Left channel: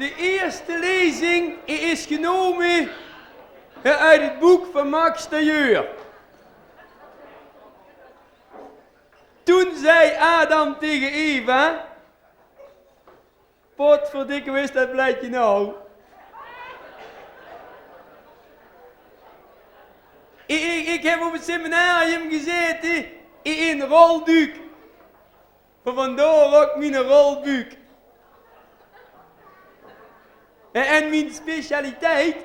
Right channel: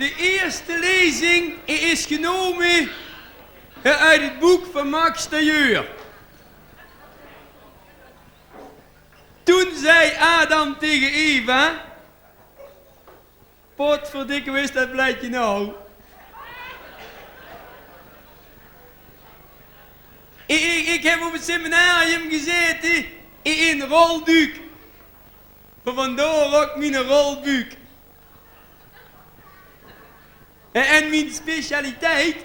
De eerste lezing is genomen uit het boek van Max Tailleur. Toen zei Adam tegen Eva: potverdikke, wist dat blijkt je nou? Ik heb op het seminarium gezeten in rolduik. Vandaar ook mijn rolbuik. En mijn specialiteit,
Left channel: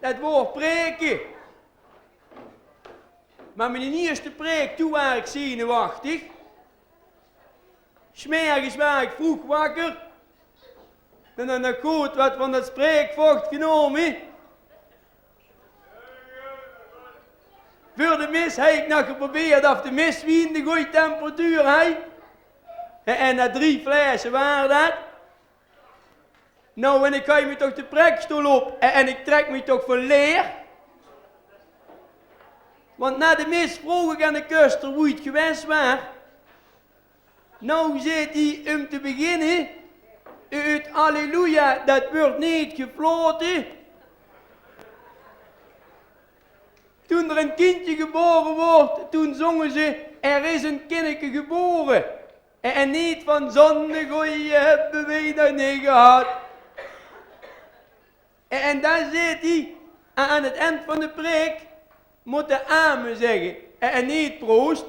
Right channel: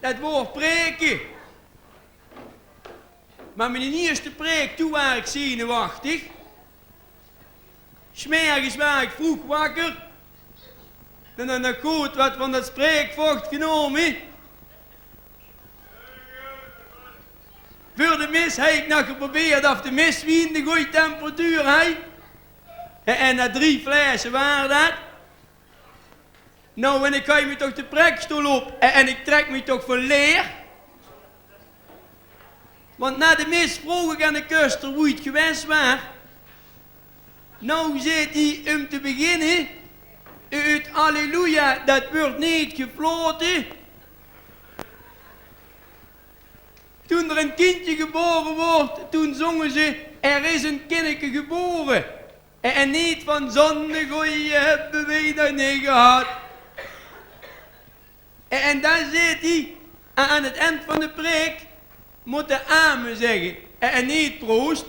dat wordt preken. Maar mijn eerste preek, toen was ik zenuwachtig. 's Morgens was ik vroeg wakker. En dan heb ik goed wat van dat spreekvocht genomen. Voor de mis heb ik nog geprobeerd of de miswien de goede temperatuur heeft. En na 3 flessen waren dat. Nou, en ik ga me toch de prekstoel op en ik trek me toch van leer. Want na de mis vroeg ik aan de kuster hoe het geweest was. Nou zit hij om te beginnen. Het Halleluja, dat wordt niet gefloten. Toen er een kindje geboren wordt, toen zongen ze: er is een kindje geboren. En niet van zonde goeie hebben we nog niet gehad. En dan zit hij aan het eind van de preek, moet de amen zeggen en niet proost.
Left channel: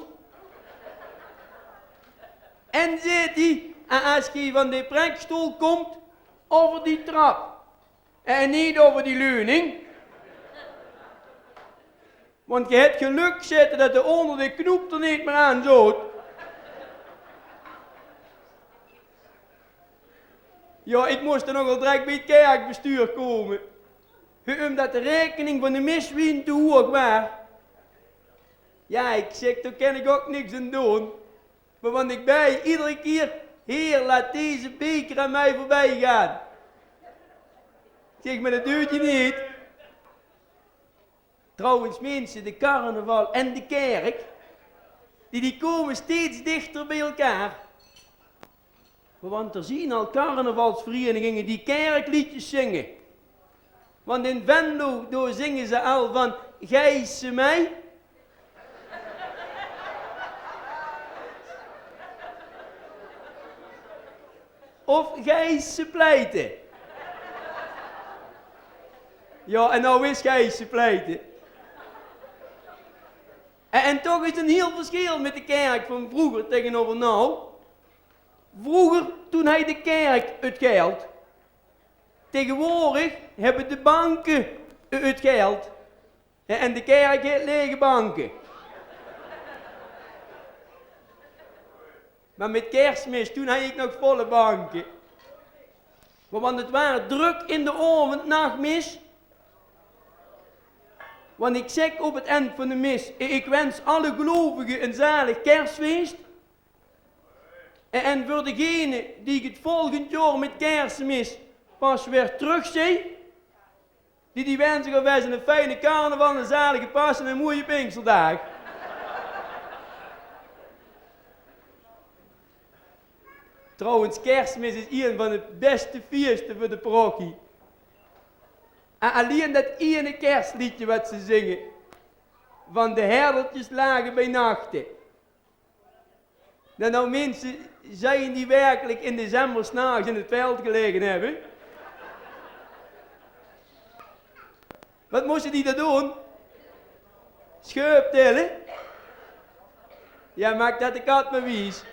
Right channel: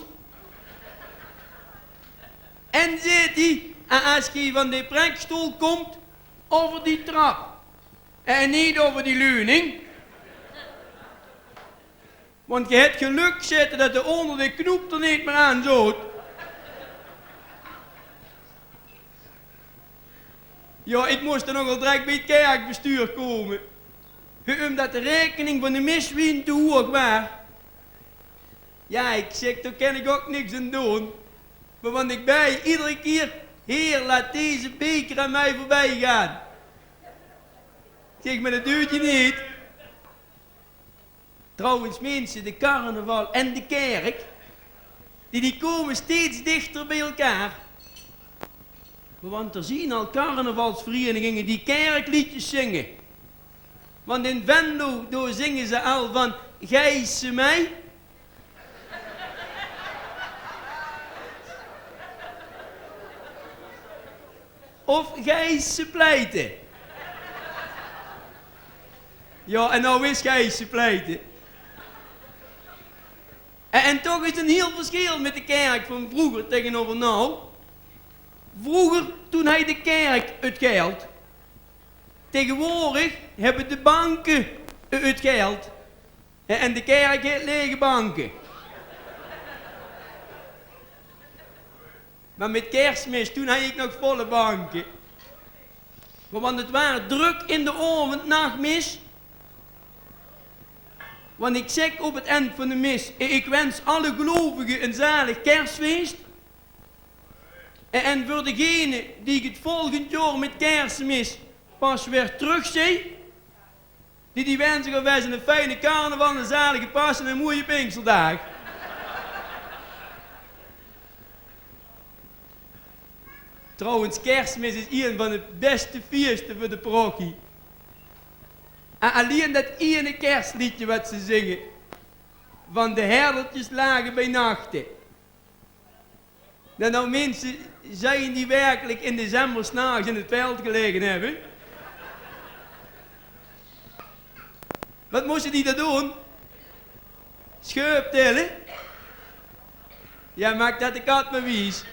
En zit hij, als hij van de preekstoel komt, over die trap en niet over die leuning. Want je hebt geluk zitten dat de onder de knoep er niet meer aan zoot. Ja, ik moest er nogal direct bij het kerkbestuur komen. Omdat de rekening van de miswien te hoog was. Ja, ik zeg, daar kan ik ook niks aan doen. Maar want ik bij iedere keer: Heer, laat deze beker aan mij voorbij gaan. Ik zeg, maar dat doet je niet. Trouwens mensen, de carnaval en de kerk, die komen steeds dichter bij elkaar. Want er zien al carnavalsverenigingen die kerkliedjes zingen. Want in Venlo, daar zingen ze al van: Gijse mij. Of Gijse pleiten. Ja, en nou is Gijse pleiten. En toch is een heel verschil met de kerk van vroeger tegenover nou. Vroeger, toen had de kerk het geld. Tegenwoordig hebben de banken het geld. En de kerk heeft lege banken. Maar met Kerstmis, toen had ik nog volle banken. Want het waren druk in de avond, nachtmis. Want ik zeg op het eind van de mis: ik wens alle gelovigen een zalig kerstfeest. En voor degene die ik het volgend jaar met Kerstmis pas weer terugzie, die wensen gaan wij een fijne carnaval, een zalige Pasen en een mooie Pinksterdag. Trouwens, Kerstmis is een van de beste feesten voor de parochie. En alleen dat ene kerstliedje wat ze zingen, van de herdertjes lagen bij nachten. Dat nou mensen zijn die werkelijk in december 's nachts in het veld gelegen hebben. Wat moesten die dat doen? Scheup tellen? Ja, maakt dat de kat maar wies.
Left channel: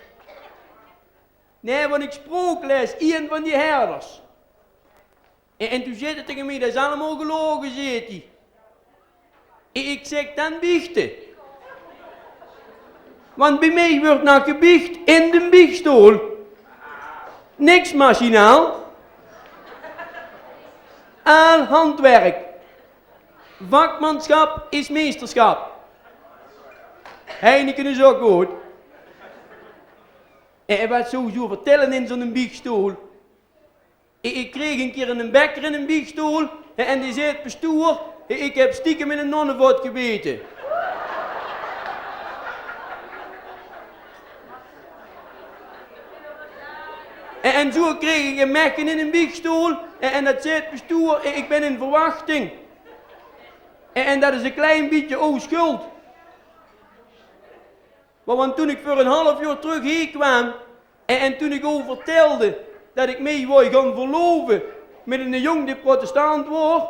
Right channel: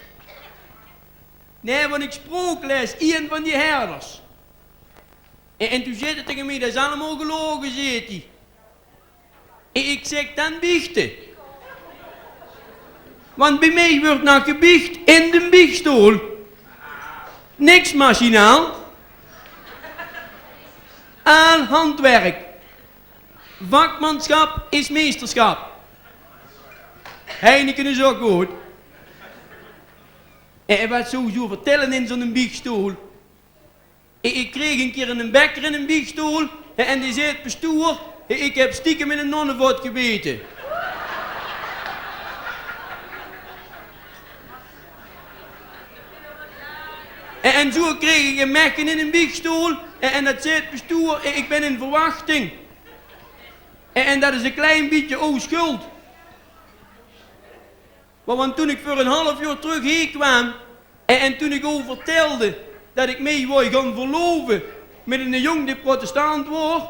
Nee, want ik sprook les, een van die herders. En toen zei hij tegen mij: dat is allemaal gelogen, zei hij. Ik zeg: dan biechten. Want bij mij wordt nog gebiecht in de biechtstoel. Niks machinaal. Al handwerk. Vakmanschap is meesterschap. Heineken is ook goed. En wat sowieso vertellen in zo'n biechtstoel. Ik kreeg een keer een bekker in een biechtstoel en die zei het bestuur: ik heb stiekem in een nonnenvot gebeten. En zo toen kreeg ik een mekken in een biechtstoel en dat zei het bestuur, ik ben in verwachting. En dat is een klein beetje onschuld. Maar want toen ik voor een half uur terug hier kwam en toen ik over vertelde dat ik mee wou gaan verloven met een jong die protestant wordt,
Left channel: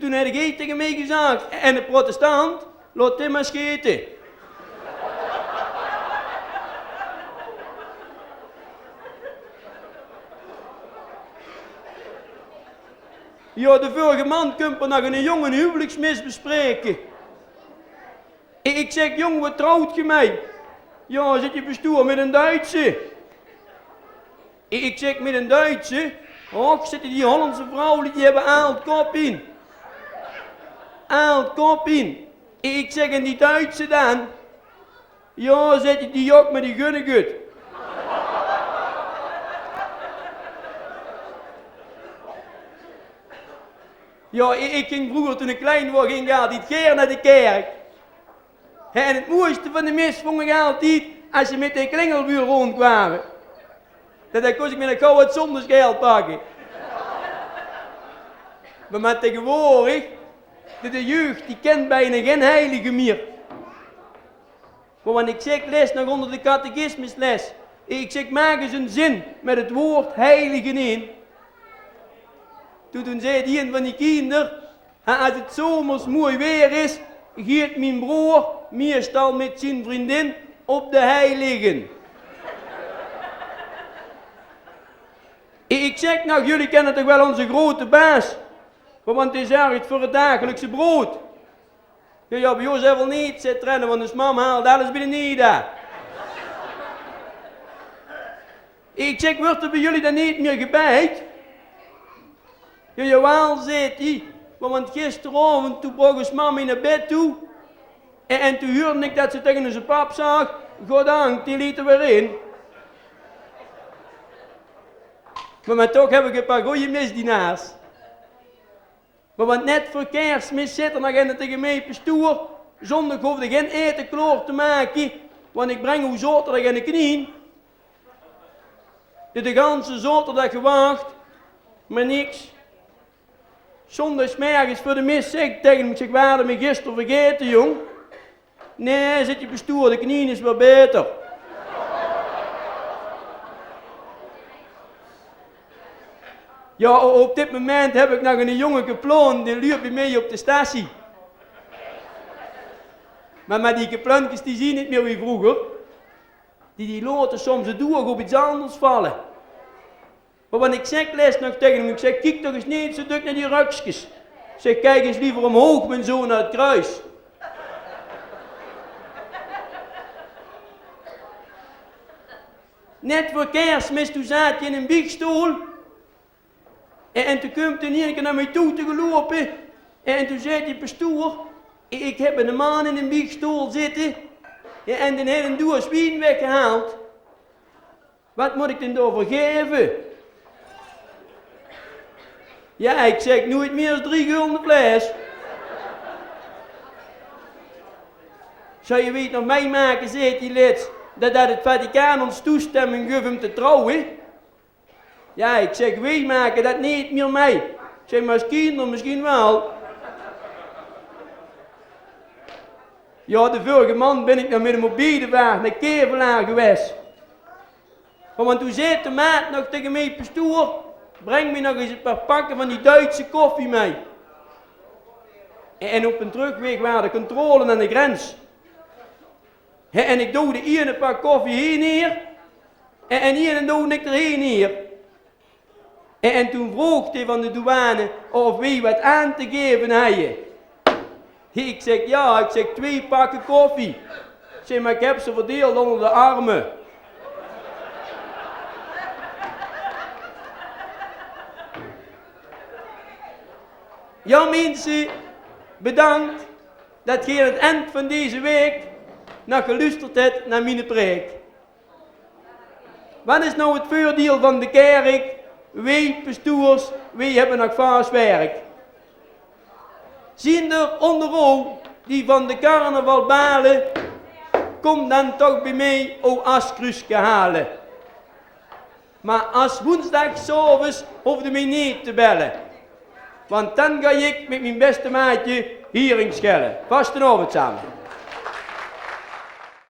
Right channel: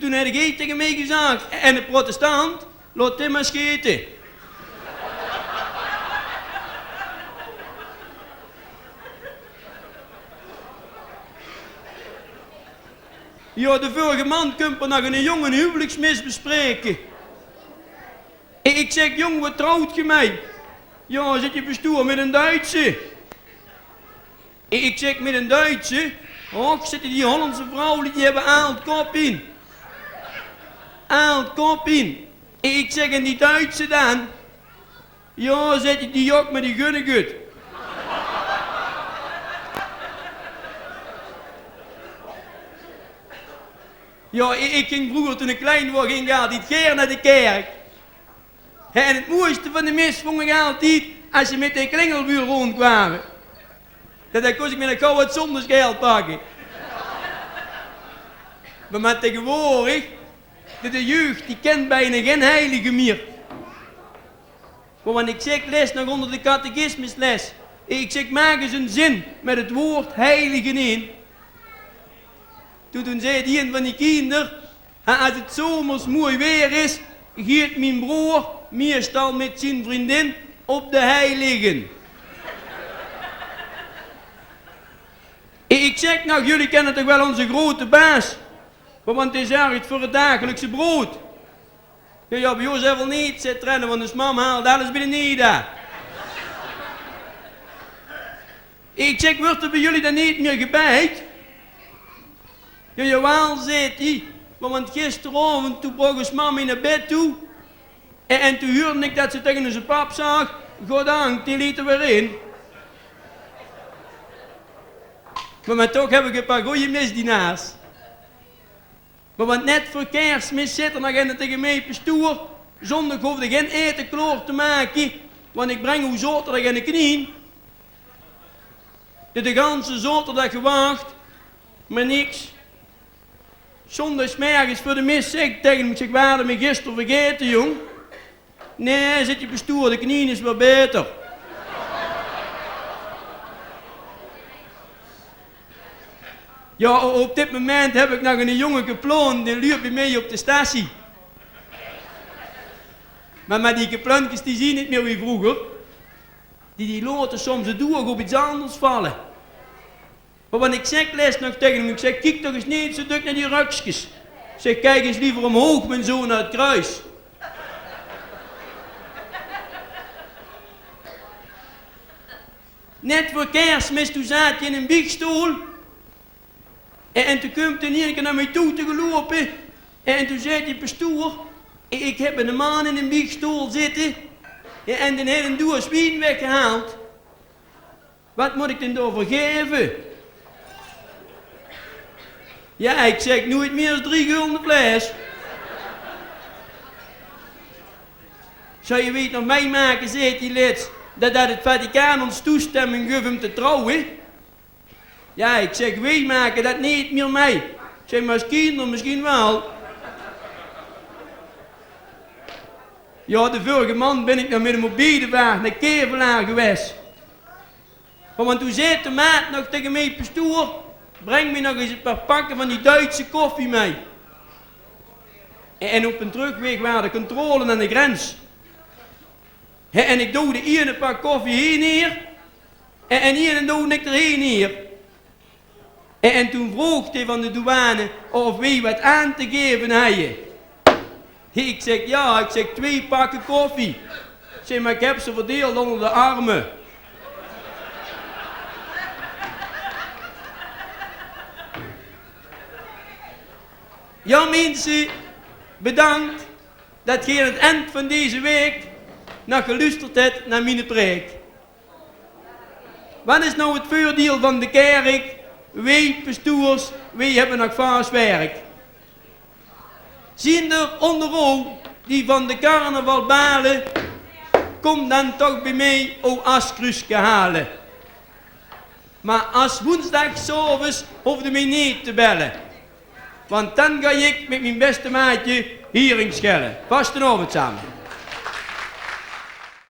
toen heb ik tegen mij gezegd, en de protestant, laat hem maar scheten. Ja, de vorige man komt er nog een jongen huwelijksmis bespreken. Ik zeg, jong, wat trouwt je mij? Ja, zit je bestuur met een Duitse? Ik zeg, met een Duitse? Och, zitten die Hollandse vrouwen, die hebben aaldkop in. Aaldkop in. Ik zeg, en die Duitse dan? Ja, zet je die ook met die gunnegut. Ja, ik ging vroeger toen ik klein was, ging ik altijd keer naar de kerk. En het mooiste van de mis vond ik altijd als je met de klingelbuur rondkwamen. Dan kon ik met een gouden zondagsgeld pakken. Maar tegenwoordig, de jeugd die kent bijna geen heilige meer. Maar wanneer ik zeg les nog onder de catechismusles, ik zeg maak eens een zin met het woord heilige in. Toen zei die een van die kinderen, als het zomers mooi weer is, gaat mijn broer meestal met zijn vriendin op de hei liggen. Ik zeg nou, jullie kennen toch wel onze grote baas, want die zorgt voor het dagelijkse brood. Ja, bij ons wel niet, zei Trenne, want de mam haalt alles binnen niet. Ik zeg, wordt er bij jullie dan niet meer gebijt? Ja, jawel, zei hij, want gisteravond toen bracht ons mama naar bed toe. En toen hoorde ik dat ze tegen zijn pap zag, goddank, die liet er weer in. Maar toch heb ik een paar goede misdienaars. Maar want net voor Kerstmis zit er nog in tegen mij pastoor. Zondag hoefde geen eten klaar te maken, want ik breng uw zaterdag in de knieën. De ganse zaterdag gewacht, maar niks. Zondagsmorgens voor de mis zeg ik tegen hem, ik zeg, we hadden me gisteren vergeten, jong. Nee, zit je bestuur, de knieën is wel beter. Ja, op dit moment heb ik nog een jongen geploond, die liep bij mij op de statie. Maar die geplankjes die zien niet meer wie vroeger. Die laten soms het doeg op iets anders vallen. Maar wanneer ik zeg les nog tegen hem, ik zeg, kijk toch eens niet zo druk naar die rukjes. Ik zeg, kijk eens liever omhoog, mijn zoon, naar het kruis. Net voor Kerstmis, toen zat je in een biechtstoel. En toen kwam hij een keer naar mij toe te gelopen. En toen zei die pastoor, ik heb een man in een biechtstoel zitten. En die heeft een doos wien weggehaald. Wat moet ik dan daarvoor geven? Ja, ik zeg nooit meer dan 3 gulden fles. Zou je weten nog meemaken, zegt die lid, dat het Vaticaan ons toestemming geeft om te trouwen? Ja, ik zeg, wij maken dat niet meer mee. Ik zeg, maar als kinderen misschien wel. Ja, de vorige man ben ik nog met een mobiele wagen naar Kevelaar geweest. Want toen zei de maat nog tegen mij, pastoor, breng me nog eens een paar pakken van die Duitse koffie mee. En op een terugweg waren de controle aan de grens. En ik doe de ene pak koffie hier neer. En hier doe ik er hier neer. En toen vroeg hij van de douane of wie wat aan te geven hadden. Ik zeg ja, ik zeg 2 pakken koffie. Ik zeg, maar ik heb ze verdeeld onder de armen. Ja mensen, bedankt dat je aan het eind van deze week nog geluisterd hebt naar mijn preek. Wat is nou het voordeel van de kerk? Wij pastoors, wij hebben nog vaas werk. Zien er onder ogen die van de carnaval balen, kom dan toch bij mij o askrusje halen. Maar als woensdagsavonds hoefde mij niet te bellen. Want dan ga ik met mijn beste maatje hierin schellen. Vastenavond samen.